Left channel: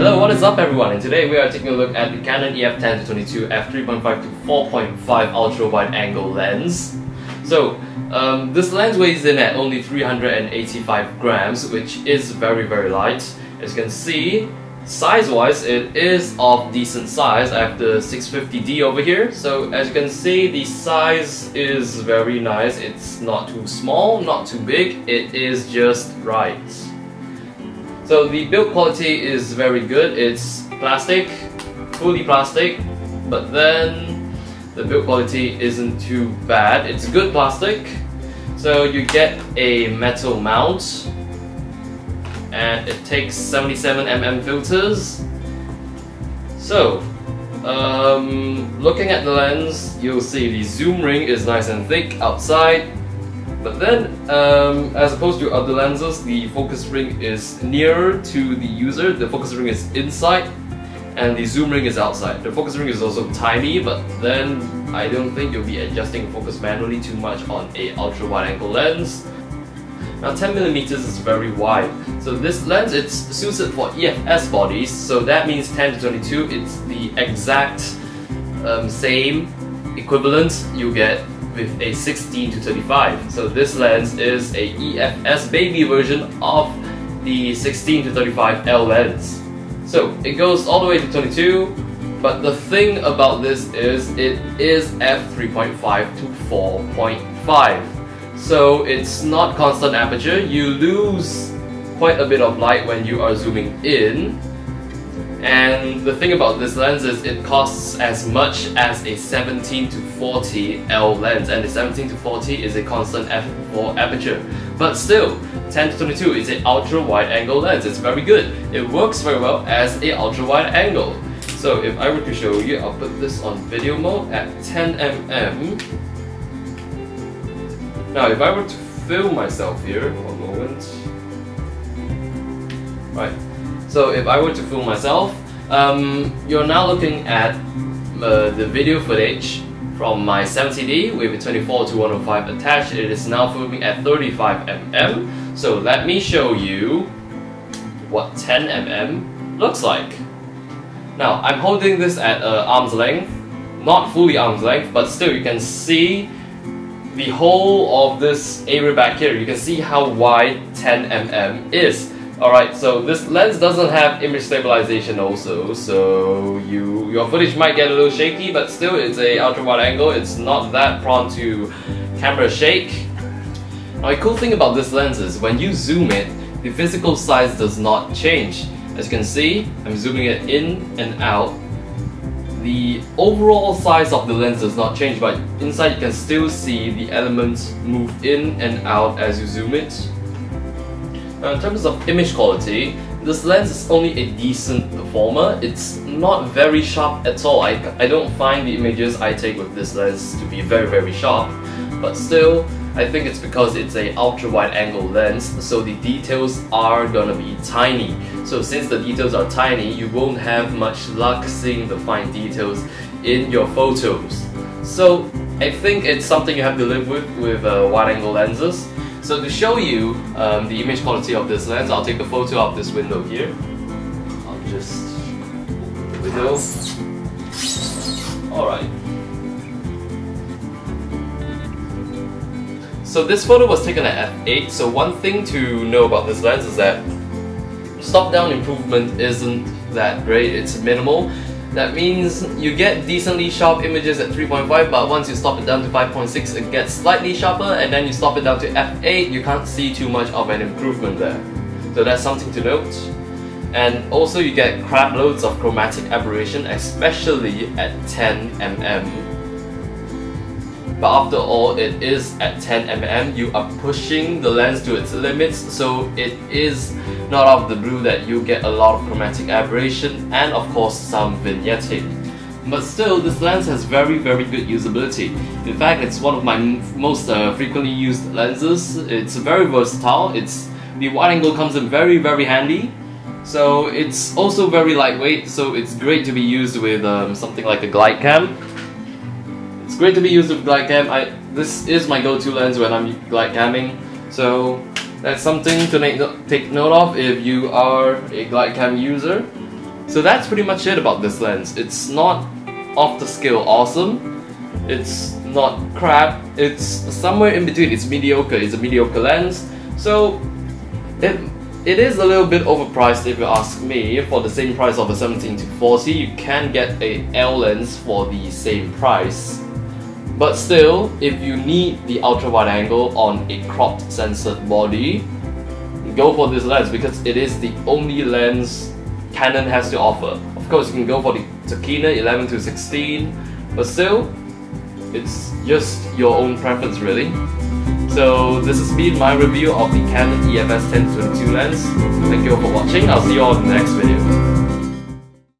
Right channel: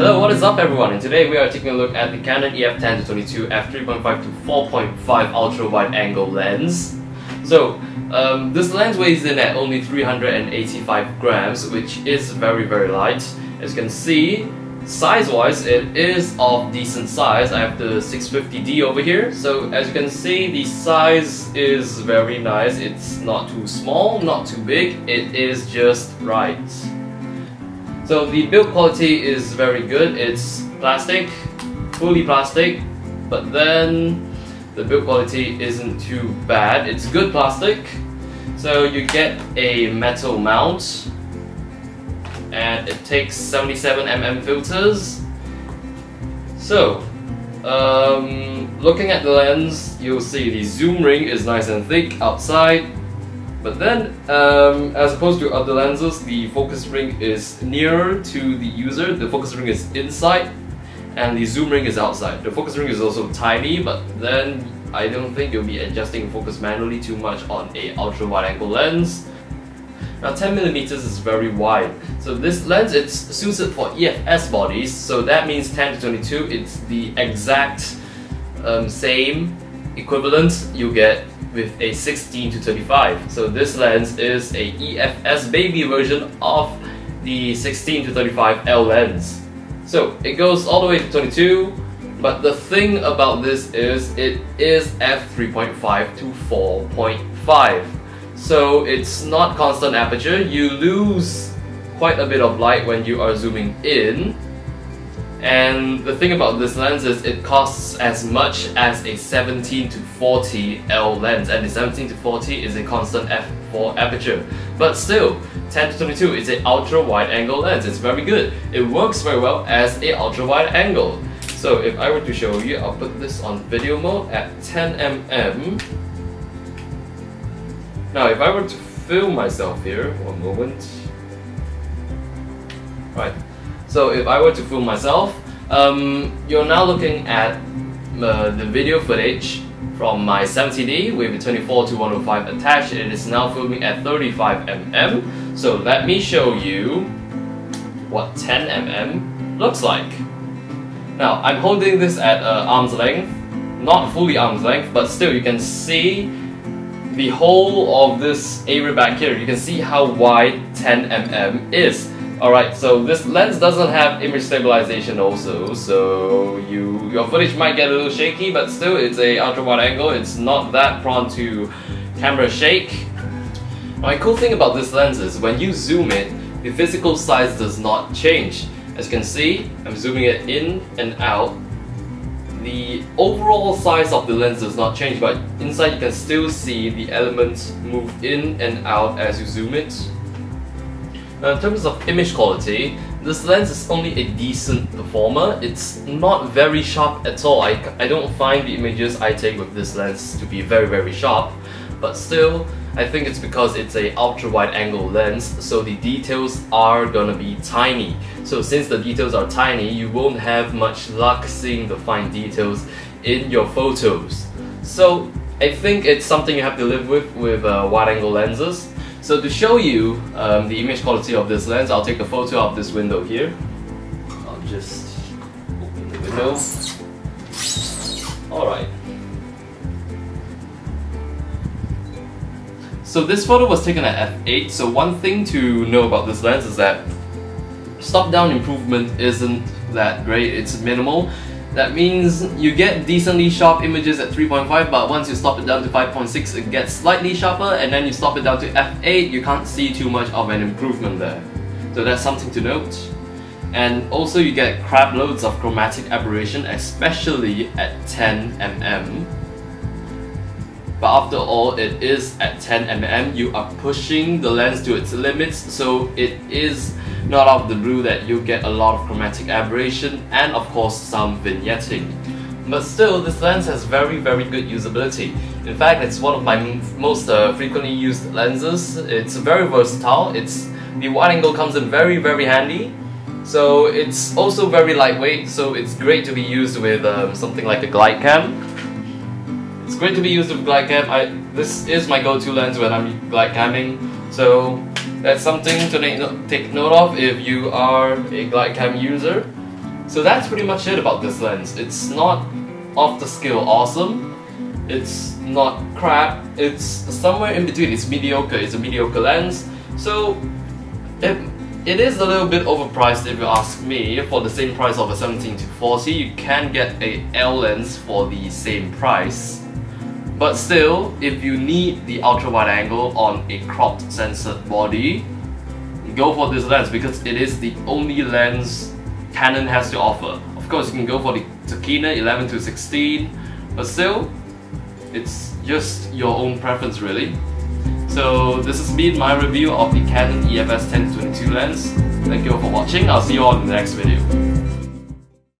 Hello, what is up everyone? And today we are taking a look at the Canon EF-10-22 f3.5 to 4.5 ultra wide angle lens. So this lens weighs in at only 385 grams, which is very light. As you can see, size wise it is of decent size. I have the 650D over here, so as you can see the size is very nice. It's not too small, not too big, it is just right. So the build quality is very good. It's plastic, fully plastic, but then the build quality isn't too bad. It's good plastic. So you get a metal mount, and it takes 77mm filters. So looking at the lens, you'll see the zoom ring is nice and thick outside. But then, as opposed to other lenses, the focus ring is nearer to the user. The focus ring is inside, and the zoom ring is outside. The focus ring is also tiny, but then I don't think you'll be adjusting focus manually too much on a ultra wide angle lens. Now 10mm is very wide, so this lens it's suited for EF-S bodies. So that means 10-22. It's the exact same equivalent you get with a 16-35. So this lens is a EF-S baby version of the 16-35 L lens. So it goes all the way to 22, but the thing about this is it is f3.5 to 4.5. So it's not constant aperture. You lose quite a bit of light when you are zooming in. And the thing about this lens is it costs as much as a 17-40 L lens, and the 17-40 is a constant f4 aperture. But still, 10-22 is an ultra wide angle lens. It's very good. It works very well as a ultra wide angle. So if I were to show you, I'll put this on video mode at 10mm. Now if I were to film myself here, one moment. Right. So if I were to film myself, you're now looking at the video footage from my 70D with a 24-105 attached. It is now filming at 35mm. So let me show you what 10mm looks like. Now I'm holding this at arm's length, not fully arm's length, but still you can see the whole of this area back here. You can see how wide 10mm is. Alright, so this lens doesn't have image stabilization also, so your footage might get a little shaky, but still it's a ultra wide angle. It's not that prone to camera shake. Now the cool thing about this lens is when you zoom it, the physical size does not change. As you can see, I'm zooming it in and out. The overall size of the lens does not change, but inside you can still see the elements move in and out as you zoom it. Now in terms of image quality, this lens is only a decent performer. It's not very sharp at all. I don't find the images I take with this lens to be very sharp. But still, I think it's because it's a ultra wide angle lens, so the details are gonna be tiny. So since the details are tiny, you won't have much luck seeing the fine details in your photos. So I think it's something you have to live with wide angle lenses. So to show you the image quality of this lens, I'll take a photo of this window here. I'll just open the window. Alright. So this photo was taken at f8, so one thing to know about this lens is that stop-down improvement isn't that great, it's minimal. That means you get decently sharp images at 3.5, but once you stop it down to 5.6 it gets slightly sharper, and then you stop it down to f8, you can't see too much of an improvement there. So that's something to note. And also you get crap loads of chromatic aberration, especially at 10mm. But after all, it is at 10mm, you are pushing the lens to its limits, so it is not out of the blue that you get a lot of chromatic aberration and of course some vignetting. But still, this lens has very good usability. In fact, it's one of my most frequently used lenses. It's very versatile. The wide angle comes in very handy. So it's also very lightweight, so it's great to be used with something like a glide cam. It's great to be used with glide cam. This is my go-to lens when I'm glide camming, so that's something to take note of if you are a glide cam user. So that's pretty much it about this lens. It's not off the scale awesome, it's not crap, it's somewhere in between. It's mediocre, it's a mediocre lens. So it is a little bit overpriced if you ask me. For the same price of a 17-40, you can get a L lens for the same price. But still, if you need the ultra wide angle on a cropped censored body, go for this lens because it is the only lens Canon has to offer. Of course, you can go for the Canon 11-16, but still, it's just your own preference really. So this has been my review of the Canon EF-S 10-22 lens. Thank you all for watching. I'll see you all in the next video.